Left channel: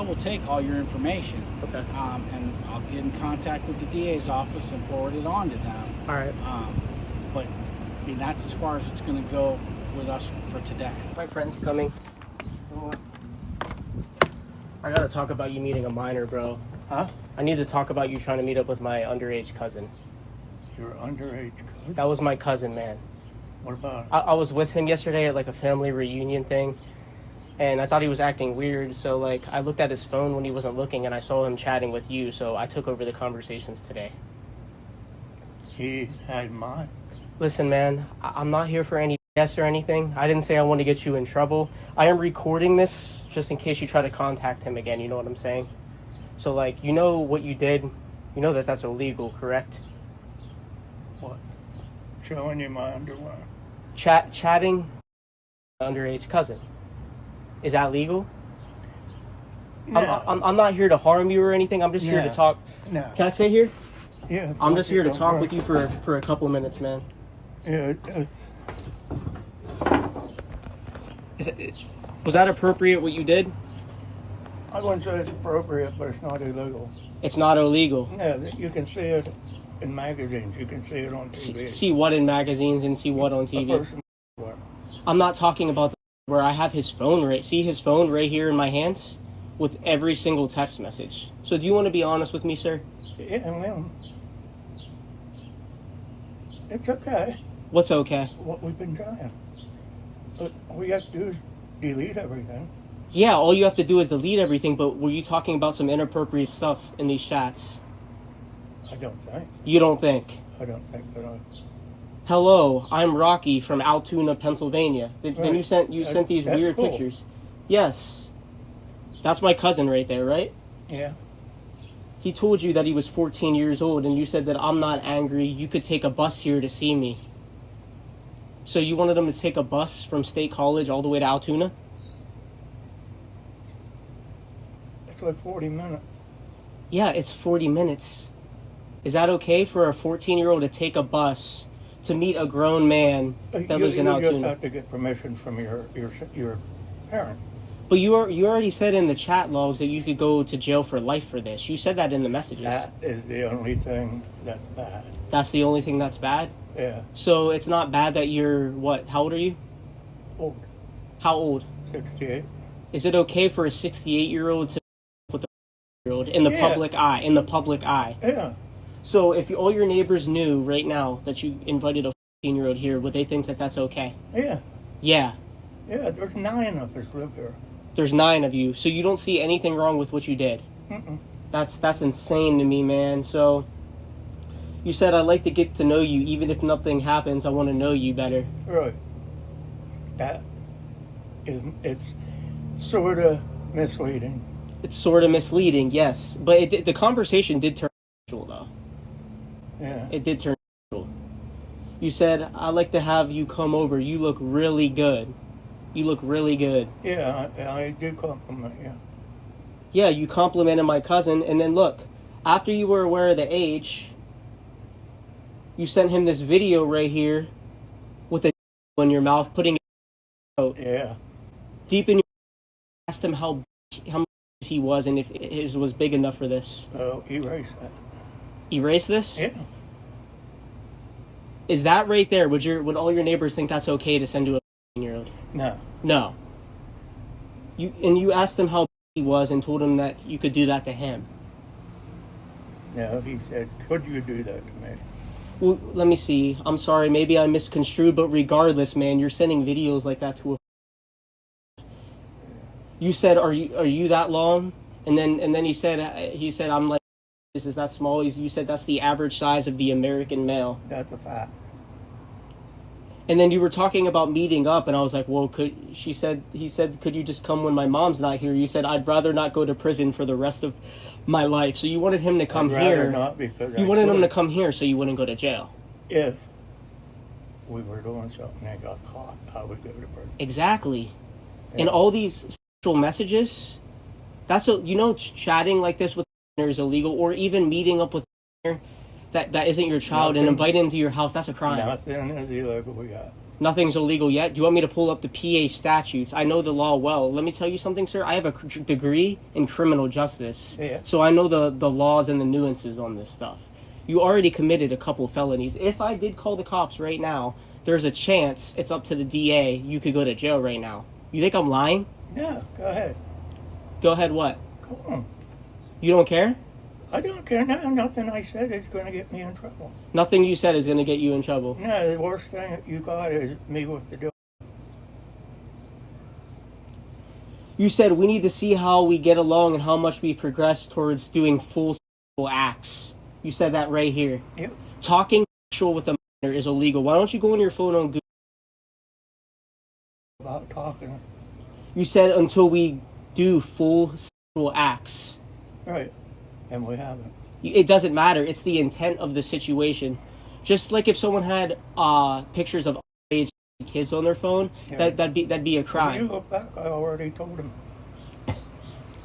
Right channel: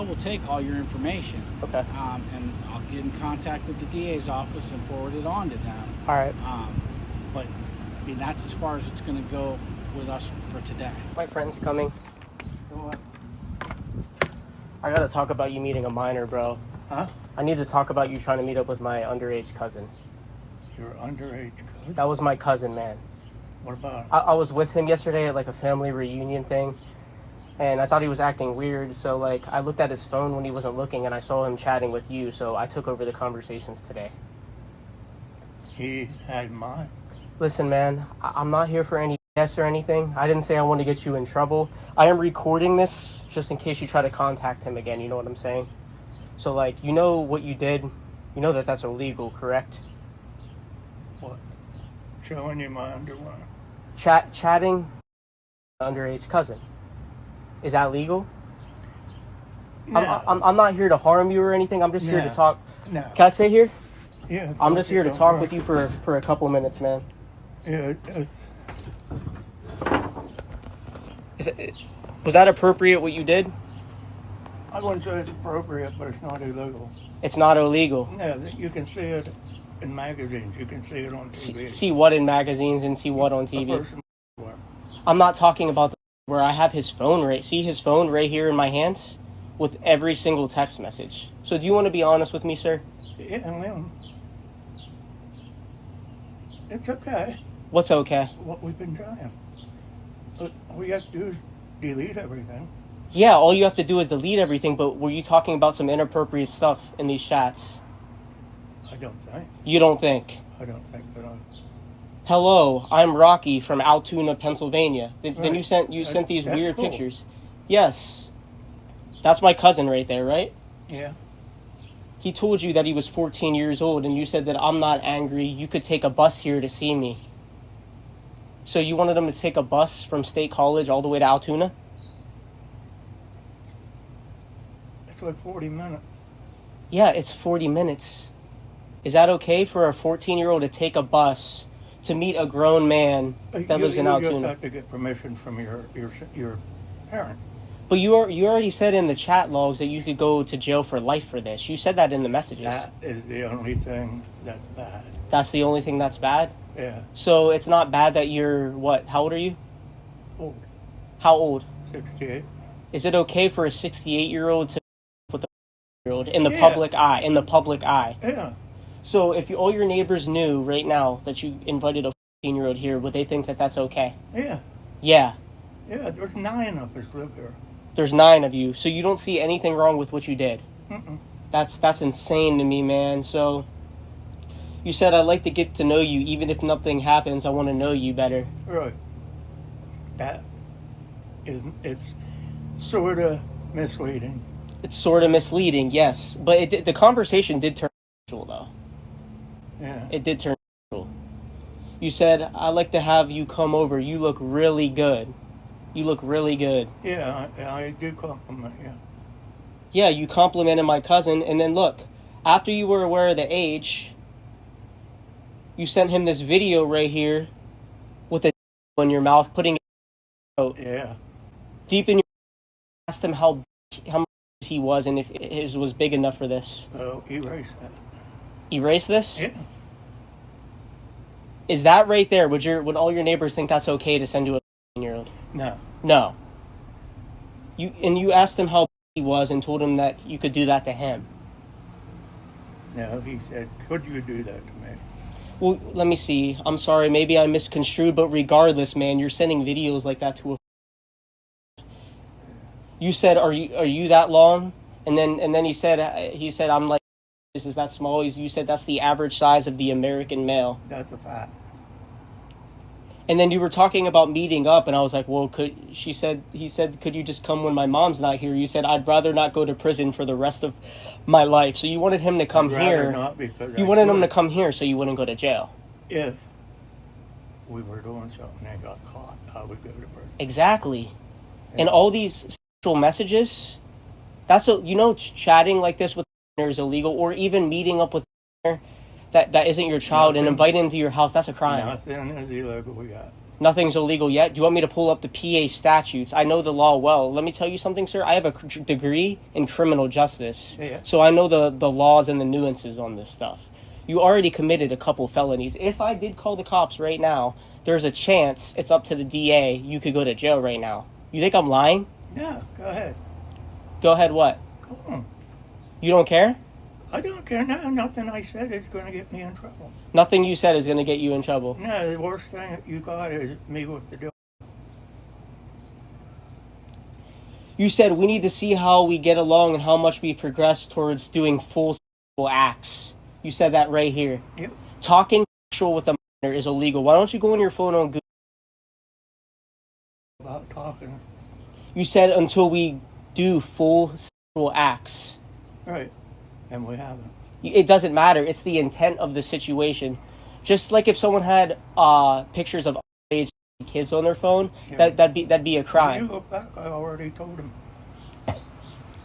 I will take all your information. Okay. And I'll get in contact with the DA's office and forward it on to them. All right. But I mean, that's as far as it's going to go with us for today. My friend's coming. I gotta talk about you meeting a minor, bro. Huh? I need to talk about you trying to meet up with my underage cousin. Your underage cousin? That was my cousin, man. What about? I was with him yesterday at like a family reunion thing, and I thought he was acting weird, so like I looked at his phone when he wasn't looking and I saw him chatting with you, so I took over the conversations today. He had mine. Listen, man, I'm not here for any BS or anything. I didn't say I want to get you in trouble. I am recording this just in case you try to contact him again, you know what I'm saying? So like, you know what you did, you know that that's illegal, correct? What? Showing you my underwear? Chatting underage cousin. Is that legal? No. I'm not here to harm you or anything. I'm just here to talk. No. Can I sit here? Yeah. I'm just here to talk with you for a couple minutes, man. Yeah. Was that appropriate what you did? I wouldn't say it's appropriate, but it's not illegal. It's not illegal. Yeah, you can see it in magazines. You can see it on TV. See what in magazines and see what on A TV? person. I'm not talking about where I have his phone right. See his phone right here in my hands with every single text message. So do you want to be honest with me, sir? Yeah, man. It's okay. What's okay? What we've been trying. But all we have to do is delete everything. Yeah, all you have to do is delete everything, but were you talking about some inappropriate stuff in these chats? I don't think. You don't think? I don't think that I... Hello, I'm Rocky from Altoona, Pennsylvania. Then Right. you sent these That's weird cool. pictures. Yes. That's my cousin right there, right? Yeah. He told you that he was 14 years old, and you said that I'm not angry. You could take a bus here to see me. So you wanted him to take a bus from State College all the way to Altoona? It's like 40 minutes. Yeah, it's 40 minutes. Is that okay for a 14-year-old to take a bus to meet a grown man that lives in You Altoona? just have to get permission from your parent. But you already said in the chat logs that you could go to jail for life for this. You said that in the messages. That is the only thing that's bad. That's the only thing that's bad? Yeah. So it's not bad that you're, what, how old are you? Old. How old? 68. Is it okay for a 68-year-old to with a 40-year-old in the public eye? In the public eye. Yeah. So if all your neighbors knew right now that you invited a 14-year-old here, would they think that that's okay? Yeah. Yeah. Yeah, there's 9 of us live here. There's 9 of you, so you don't see anything wrong with what you did. Mm-mm. That's insane to me, man. So you said I'd like to get to know you, even if nothing happens. I want to know you better. Right. That is, it's sort of misleading. It's sort of misleading, yes, but the conversation did turn sexual, though. Yeah. It did turn sexual. You said I'd like to have you come over. You look really good. You look really good. Yeah, I do compliment you. Yeah, you complimented my cousin, and then look, after you were aware of the age, you sent him this video right here with a in your mouth, putting it Yeah. deep in your. Asked him how much he was and if his was big enough for this. Oh, erase that. Erase this? Yeah. Is that right there? Would all your neighbors think that's okay to send to a 14-year-old? No. No. You asked him how he was and told him that you could do that to him. No, he said, could you do that to me? Well, let me see. I'm sorry, maybe I misconstrued, but regardless, man, you're sending videos like that to a. You said, "Are you that long?" And then he said, "I'm like, this is that small." You said that's the average size of the American male. That's a fact. And then you were talking about meeting up, and I was like, well, he said, could you just come when my mom's not here? You said, I'd rather not go to prison for the rest of my life. So you wanted him to come I'd rather here. not, because you I wanted him could. to come here so you wouldn't go to jail. If we were doing something and got caught, I would go to prison. Exactly. Yeah. And all these sexual messages, chatting like this with is illegal, or even meeting up with that isn't your child and inviting him to your house, that's a crime. Nothing is illegal we got. Nothing's illegal yet. Do you want me to pull up the PA statutes? I know the law well. Let me tell you something, sir. I have a degree in criminal justice. Yeah. So I know the laws and the nuances on this stuff. You already committed a couple felonies. If I did call the cops right now, there's a chance it's up to the DA. You could go to jail right now. You think I'm lying? Yeah, go ahead. Go ahead, what? Call him. You don't care? I don't care now. Nothing I said is going to get me in trouble. Nothing you said is going to get you in trouble. No, the worst thing that you got is me with the door. You said we need to see how we get along and how much we progress towards doing full sexual acts. You said that right here. Yep. Talking sexual with a minor is illegal. Why don't you go on your phone on Google? About talking. You said until we do full sexual acts. Right. And we haven't. It doesn't matter. It's the intent of the situation. Just like if someone had pictures of underage kids on their phone, Yeah. that'd be a When you crime. look back, I already told him.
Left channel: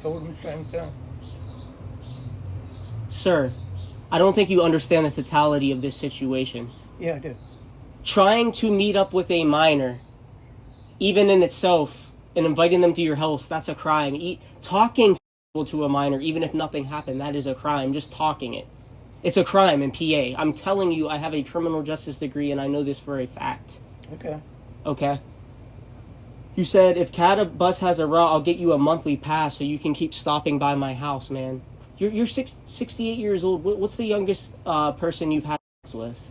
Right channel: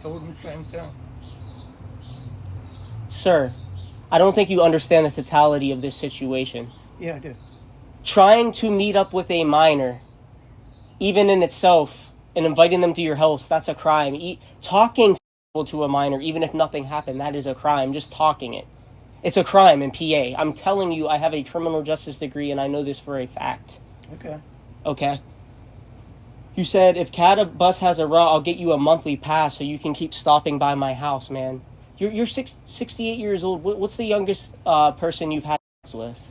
Told him the same thing. Sir, I don't think you understand the totality of this situation. Yeah, I did. Trying to meet up with a minor, even in itself, and inviting them to your house, that's a crime. Talking to a minor, even if nothing happened, that is a crime. Just talking it. It's a crime in PA. I'm telling you, I have a criminal justice degree and I know this for a fact. Okay. Okay? You said, if CAD bus has a route, I'll get you a monthly pass so you can keep stopping by my house, man. You're 68 years old. What's the youngest person you've had sex with?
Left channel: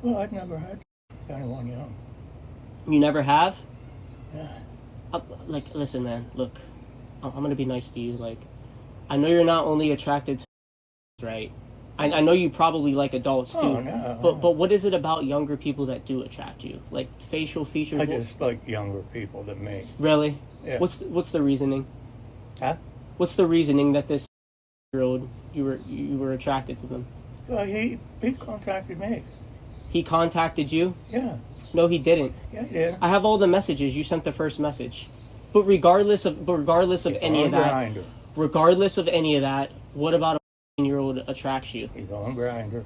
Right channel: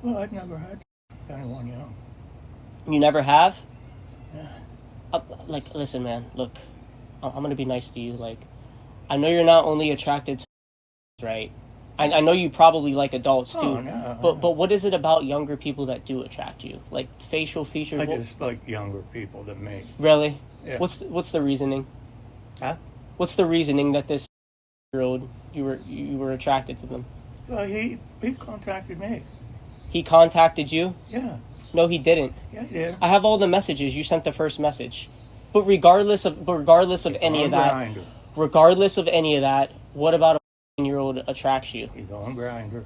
Well, I've never had with anyone young. You never have? Yeah. Listen, man, look. I'm gonna be nice to you. Like, I know you're not only attracted to right? I know you probably like adults too. Oh, no. But what is it about younger people that do attract you? Like facial features? I just like younger people than me. Really? Yeah. What's the reasoning? Huh? What's the reasoning that this year-old you were attracted to them? Well, he contacted me. He contacted you? Yeah. No, he didn't. Yeah, he did. I have all the messages. You sent the first message. But regardless of any of that, Grindr. regardless of any of that, what about a 15-year-old attracts you? He's on Grindr.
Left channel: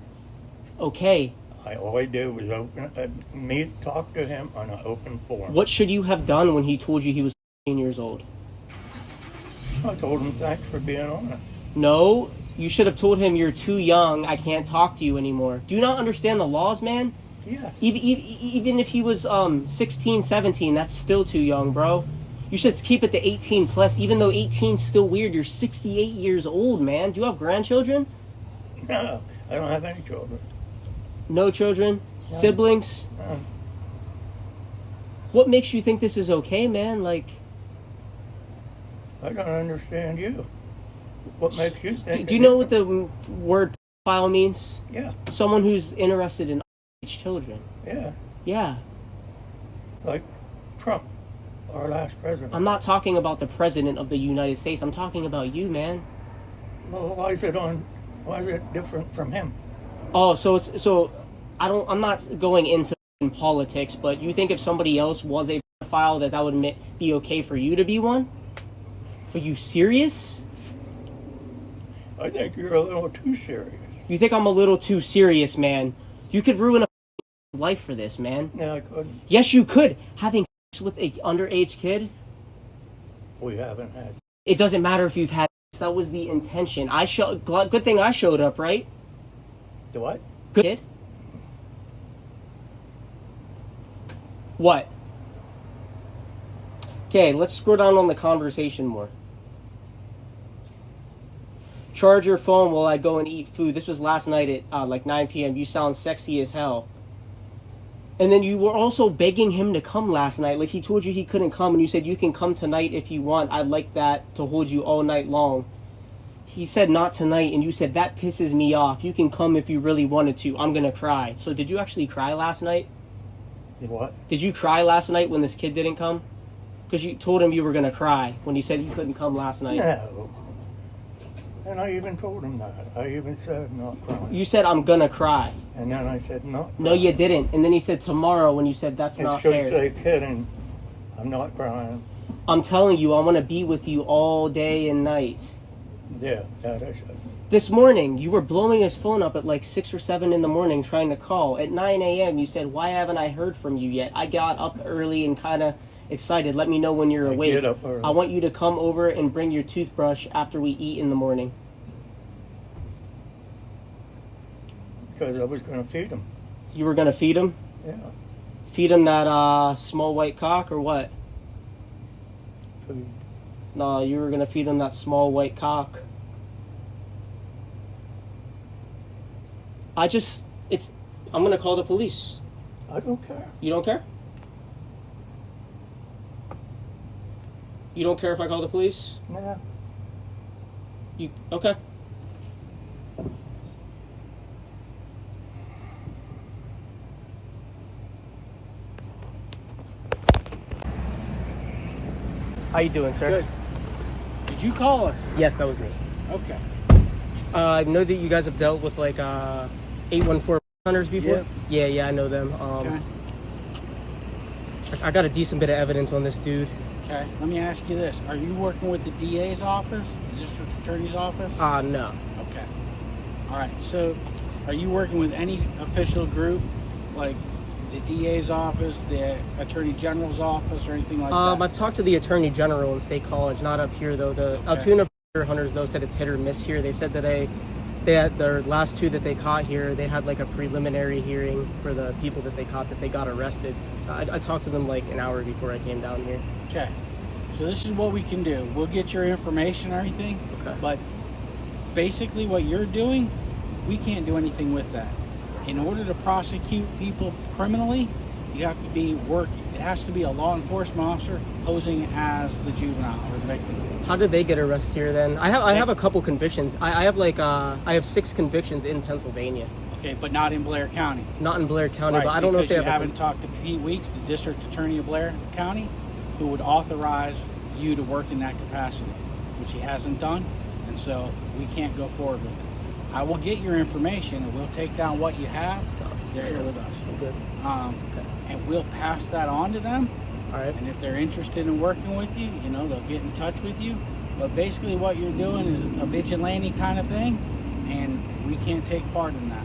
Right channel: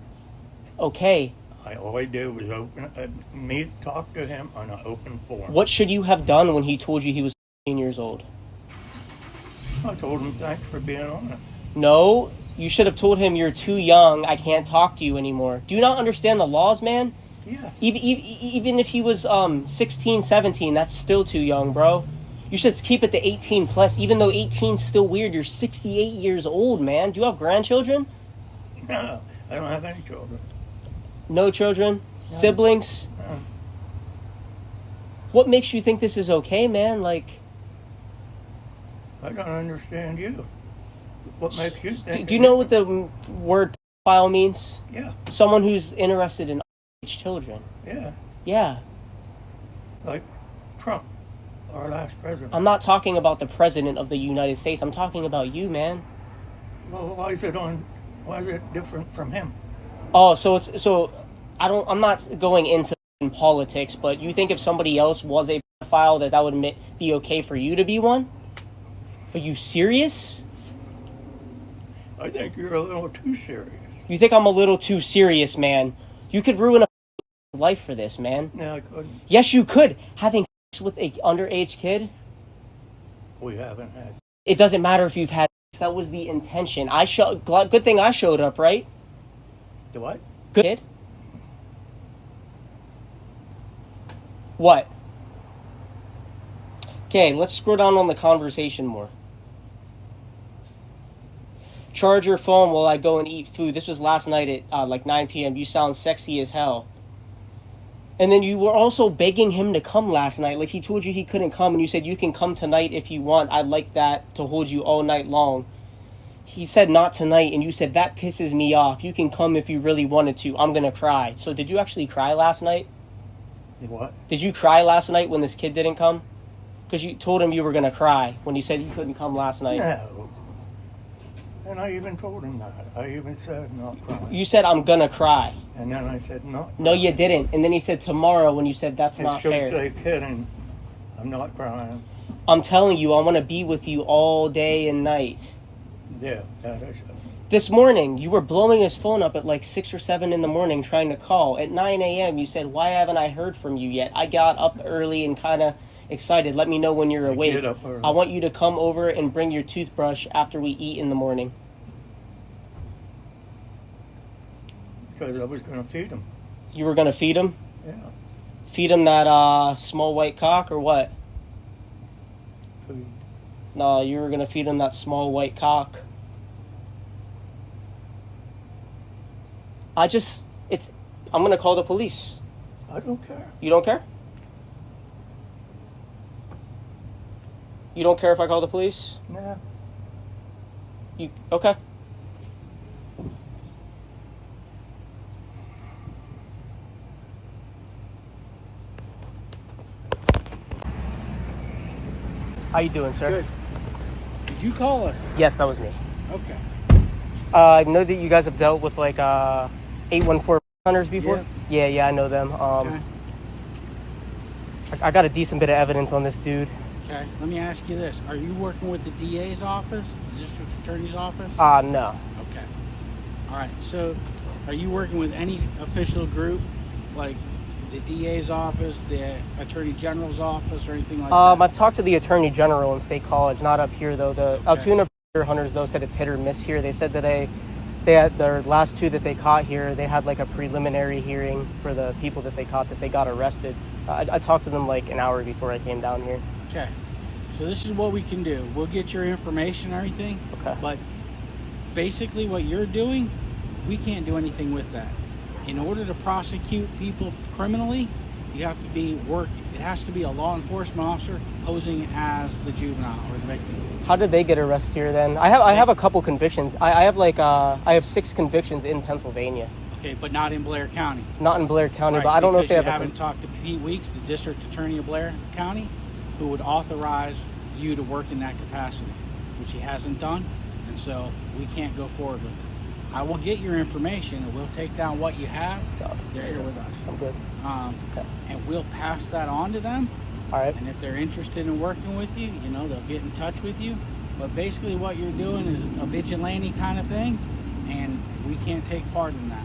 Okay. All I did was talk to him on an open forum. What should you have done when he told you he was 15 years old? I told him thanks for being on it. No, you should have told him you're too young. I can't talk to you anymore. Do you not understand the laws, man? Yes. Even if he was 16, 17, that's still too young, bro. You should keep it to 18 plus, even though 18's still weird. You're 68 years old, man. Do you have grandchildren? No, I don't have any children. No children? No. Siblings? No. What makes you think this is okay, man? Like, I don't understand you. What makes you think? do you know what the word pedophile means? Yeah, Someone who's interested in underage children. yeah. Yeah. Like Trump, our last president. I'm not talking about the president of the United States. I'm talking about you, man. Well, why is it different from him? Oh, I'm not going into politics, but you think if somebody else was a pedophile that would be okay for you to be one? Are you serious? I think you're a little too serious. You think I'm a little too serious, man? You could ruin a life for this, man. No, I couldn't. Yes, you could. Having sex with an underage kid? We haven't had. It doesn't matter if you've had sex. That was the intention. Good thing I showed up, right? The what? Good kid. What? Okay, let's scroll down on the conversation more. Charge your phone while I go and eat food. This was last night at like 9 p.m. You sound sexy as hell. And then you were also begging him to come last night. Like he told you he couldn't come and you said you can come tonight if you want. I'd like that to hold you all night long. He said not tonight and you said that pisses me off. You can come if you really wanted to. I'm gonna cry. So did you actually cry last night? The what? Did you cry last night when this kid didn't come? Because you told him you were gonna cry when he said he couldn't come last night. No. And I even told him that. I even said not crying. You said I'm gonna cry. And then I said not crying. No, you didn't. And then he said tomorrow when you said that's not It should fair. say kidding. I'm not crying. I'm telling you, I want to be with you all day and night. Yeah, that is it. This morning, you were blowing his phone up at like 6 or 7 in the morning trying to call. At 9 a.m., you said, "Why haven't I heard from you yet?" I got up early and kind of excited. Let me know when you're I awake. get up early. I want you to come over and bring your toothbrush after we eat in the morning. Because I was going to feed him. You were going to feed him? Yeah. Feed him that small white cock or what? Food. No, you were going to feed him that small white cock. I'm going to call the police. I don't care. You don't care? You don't care if I call the police? Nah. Okay. How you doing, sir? Good. Did you call us? Yes, that was me. Okay. I know that you guys have dealt with like 814 hunters before. Yeah, I know them. Okay. I got a decent bit of evidence on this dude. Okay. Let me ask you this: are you working with the DA's office, the district attorney's office? No. Okay. All right. So, are you working with any official group, like the DA's office, the Attorney General's office, or anything like that? I've talked to the Attorney General in State College, not up here though. The Altoona hunters though said it's hit or miss here. They said that they had their last two that they caught here. They had like a preliminary hearing for the people that they caught that they got arrested. I talked to them like an hour before I came down here. Okay. So this is what we can do. We'll get your information and everything. Okay. But basically what you're doing, we can't do anything with that. In order to prosecute people criminally, you have to be it has to be a law enforcement officer posing as the juvenile or the victim. How did they get arrested here then? I have a couple convictions. I have 6 convictions in Pennsylvania. Okay, but not in Blair County. Not in Blair County, Right, but I don't know if they because have you haven't talked to Pete Weeks, the district attorney of Blair County, who would authorize you to work in that capacity, which he hasn't done, and so we can't go forward with it. I will get your information and we'll take down what you have. They're here with us. I'm good. Okay. And we'll pass that on to them. All right. And if they're interested in working with you, they'll get in touch with you. But basically what you're doing is a vigilante kind of thing, and we can't take part in that.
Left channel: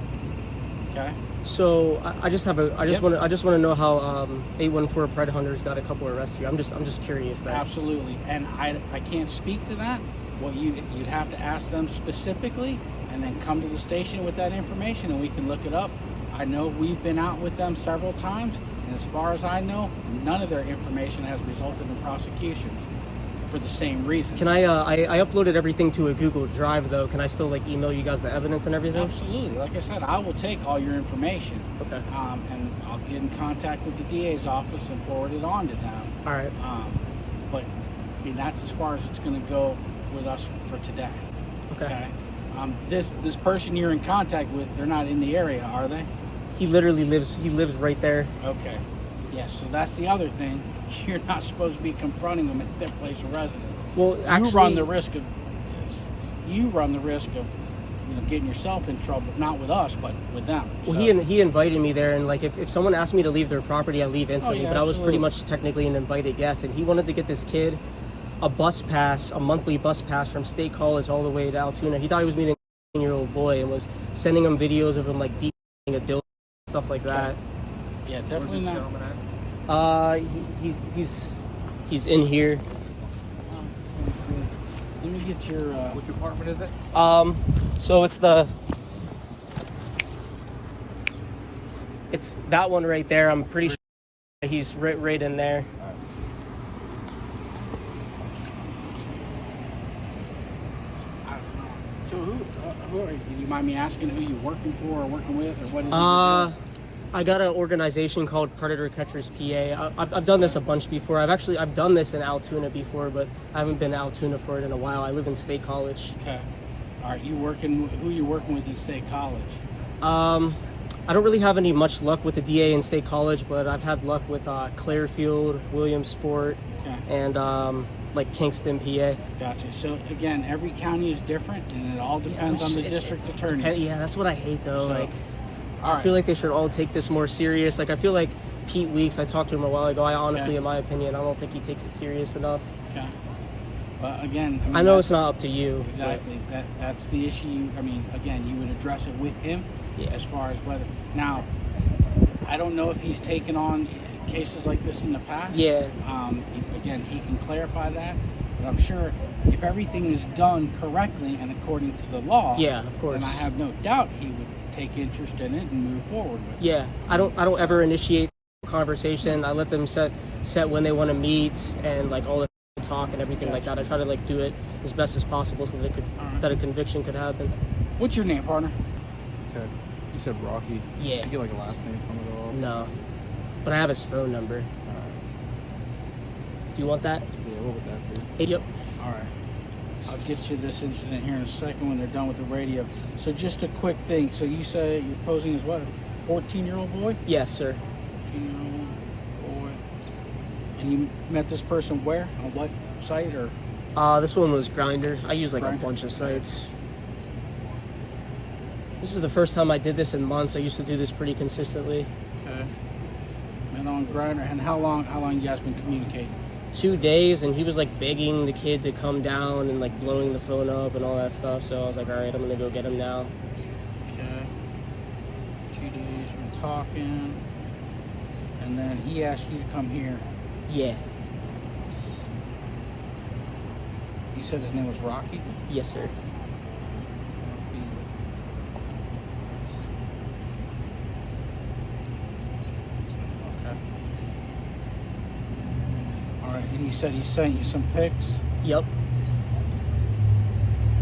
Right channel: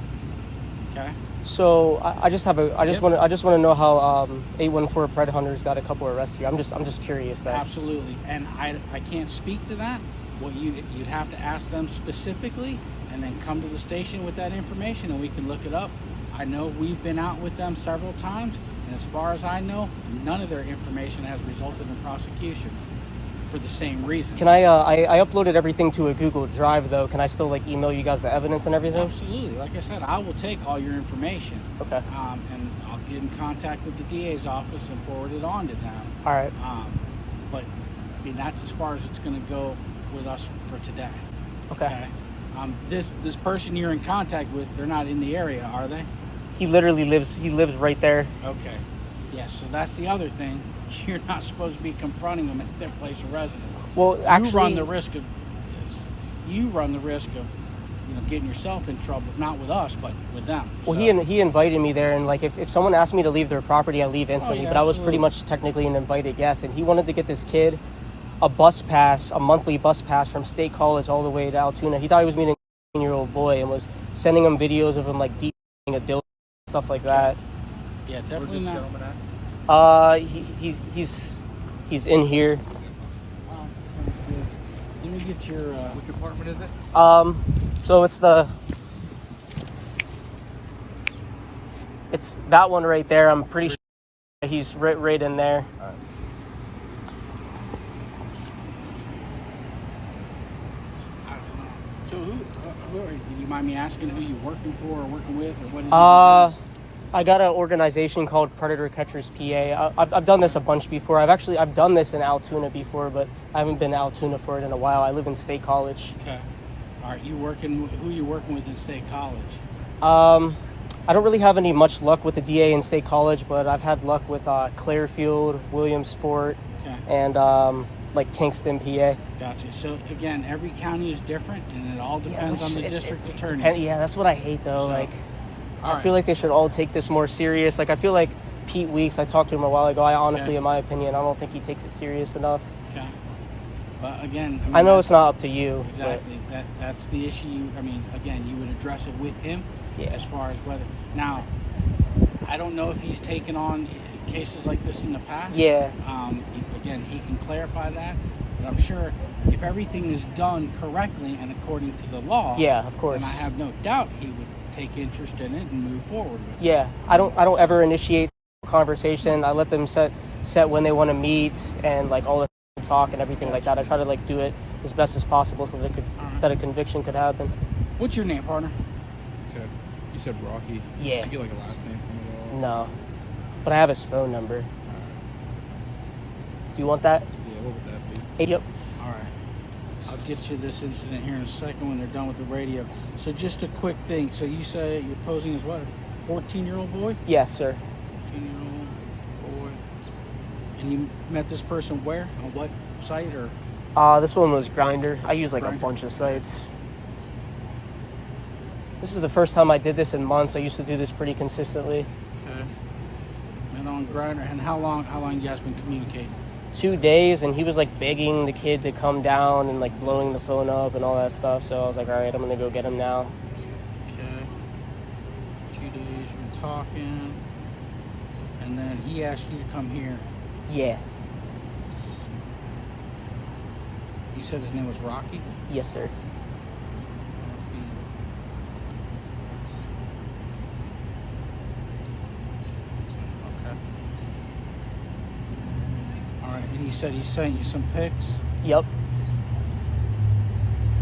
Okay? So I just want to know how 814 Pred Hunters got a couple arrests here. I'm just curious there. Absolutely. And I can't speak to that. What you'd have to ask them specifically, and then come to the station with that information, and we can look it up. I know we've been out with them several times, and as far as I know, none of their information has resulted in prosecutions for the same reason. Can I uploaded everything to a Google Drive though. Can I still like email you guys the evidence and everything? Absolutely. Like I said, I will take all your information. Okay. And I'll get in contact with the DA's office and forward it on to them. All right. But I mean, that's as far as it's going to go with us for today. Okay. This person you're in contact with, they're not in the area, are they? He literally lives right there. Okay. Yeah, so that's the other thing. You're not supposed to be confronting them at their place of residence. Well, actually, you run the risk of getting yourself in trouble, not with us, but with them. Well, so. he invited me there, and like if someone asked me to leave their property, I leave instantly. But I was pretty much technically an invited guest, and he wanted to get this kid a monthly bus pass from State College all the way to Altoona. He thought he was meeting a 18-year-old boy and was sending him videos of him like deep a dildo, stuff like that. Yeah, definitely not. He's in here. Let me get your. Which apartment is it? So it's that one right there. I'm pretty sure he's right in there. So who are you? Do you mind me asking who you're working for or working with, or what is it? I got an organization called Predator Catchers PA. I've done this a bunch before. I've done this in Altoona before, but I haven't been to Altoona for it in a while. I live in State College. Okay. All right. Who are you working with in State College? I don't really have any much luck with the DA in State College, but I've had luck with Clearfield, Williamsport, and like Kingston, PA. Gotcha. So again, every county is different, and it all depends on the district attorneys. Yeah, that's what I hate though. So, I feel like they should all take this more serious. Like I feel like Pete Weeks, I talked to him a while ago. I honestly, in my opinion, I don't think he takes it serious enough. Okay. But again, I, mean, I know it's that's- not up to you. Exactly. That's the issue. I mean, again, you would address it with him Yeah. as far as whether. Now, I don't know if he's taken on cases like this in the past. Yeah. Again, he can clarify that. But I'm sure if everything is done correctly and according to the law, Yeah, of course. then I have no doubt he would take interest in it and move forward with it. Yeah, I don't ever initiate conversation. I let them set when they want to meet and like all the talk and everything like that. I try to like do it as best as possible so that that a conviction could happen. What's your name, partner? Okay. You said Rocky. Yeah. Did you get like a last name from it all? No, but I have his phone number. Do you want that? Yeah, what would that be? Yep. All right. I'll get you this incident here in a second when they're done with the radio. So just a quick thing. So you say you're posing as what? A 14-year-old boy? Yes, sir. 14-year-old boy. And you met this person where? On what site or? This one was Grinder. I use like Grindr. a bunch of sites. This is the first time I did this in months. I used to do this pretty consistently. Okay. Met on Grindr. And how long you guys been communicating? 2 days, and he was like begging the kid to come down and like blowing the phone up and all that stuff. So I was like, all right, I'm gonna go get him now. Okay. 2 days we're talking. And then he asked you to come here. Yeah. You said his name was Rocky? Yes, sir. Okay. All right, and you said he sent you some pics. Yep.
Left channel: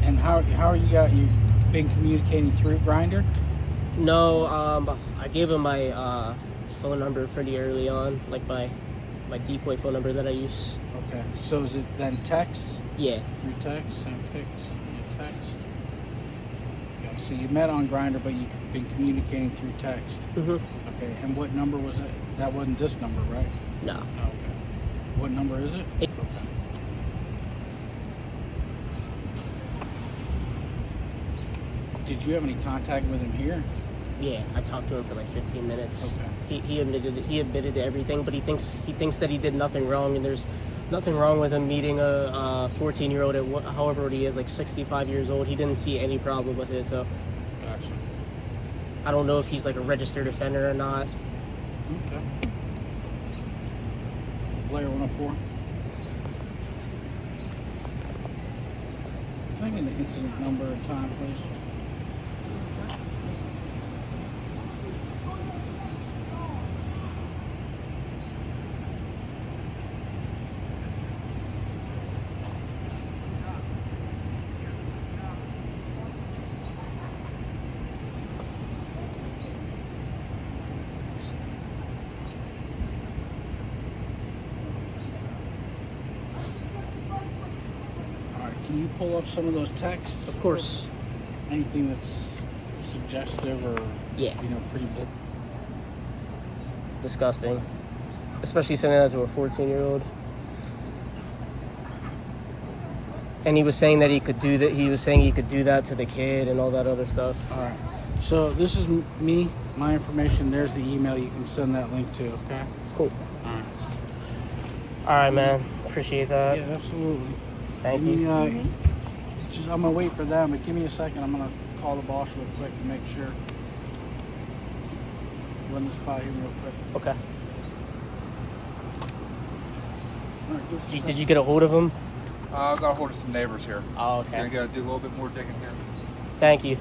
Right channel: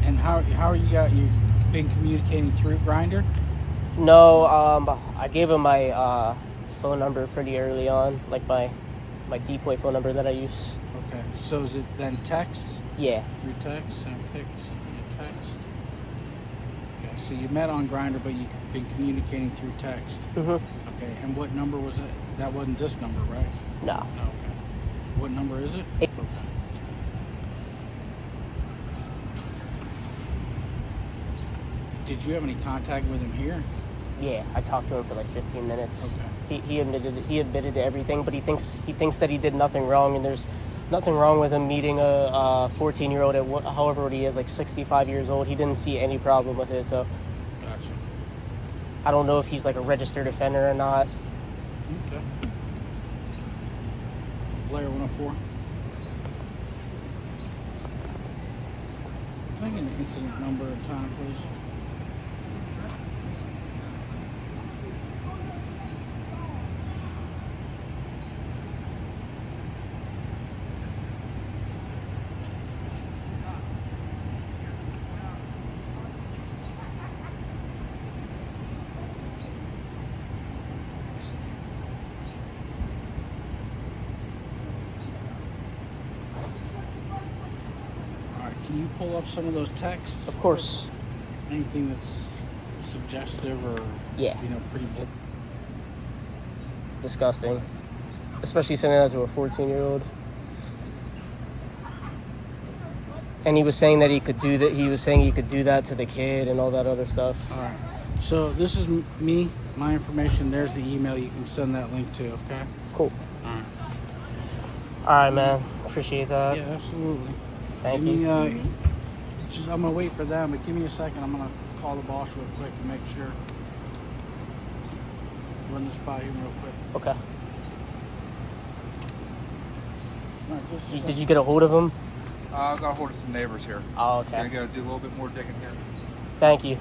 And how are you been communicating through Grindr? No, I gave him my phone number pretty early on, like my decoy phone number that I use. Okay. So is it then texts? Yeah. Through text, send pics via text. Okay. So you met on Grindr, but you've been communicating through text. Mhm. Okay. And what number was it? That wasn't this number, right? No. No. Okay. What number is it? Okay. Did you have any contact with him here? Yeah, I talked to him for like 15 minutes. Okay. He admitted to everything, but he thinks that he did nothing wrong, and there's nothing wrong with him meeting a 14-year-old at however old he is, like 65 years old. He didn't see any problem with it, so Gotcha. I don't know if he's like a registered offender or not. Okay. Player 104. Can I get an incident number and time, please? Can you pull up some of those texts? Of course. Anything that's suggestive or, Yeah. pretty Disgusting. Especially sending that to a 14-year-old. And he was saying that he could do that. He was saying he could do that to the kid and all that other stuff. All right. So this is me, my information. There's the email you can send that link to, okay? Cool. All right. All right, man. Appreciate that. Yeah, absolutely. Thank Give you. me, I'm gonna wait for them, but give me a second. I'm gonna call the boss real quick and make sure. Run this by him real quick. Okay. All right, give us a Did second. you get a hold of him? I got a hold of some neighbors here. Oh, Gonna okay. go do a little bit more digging here. Thank you.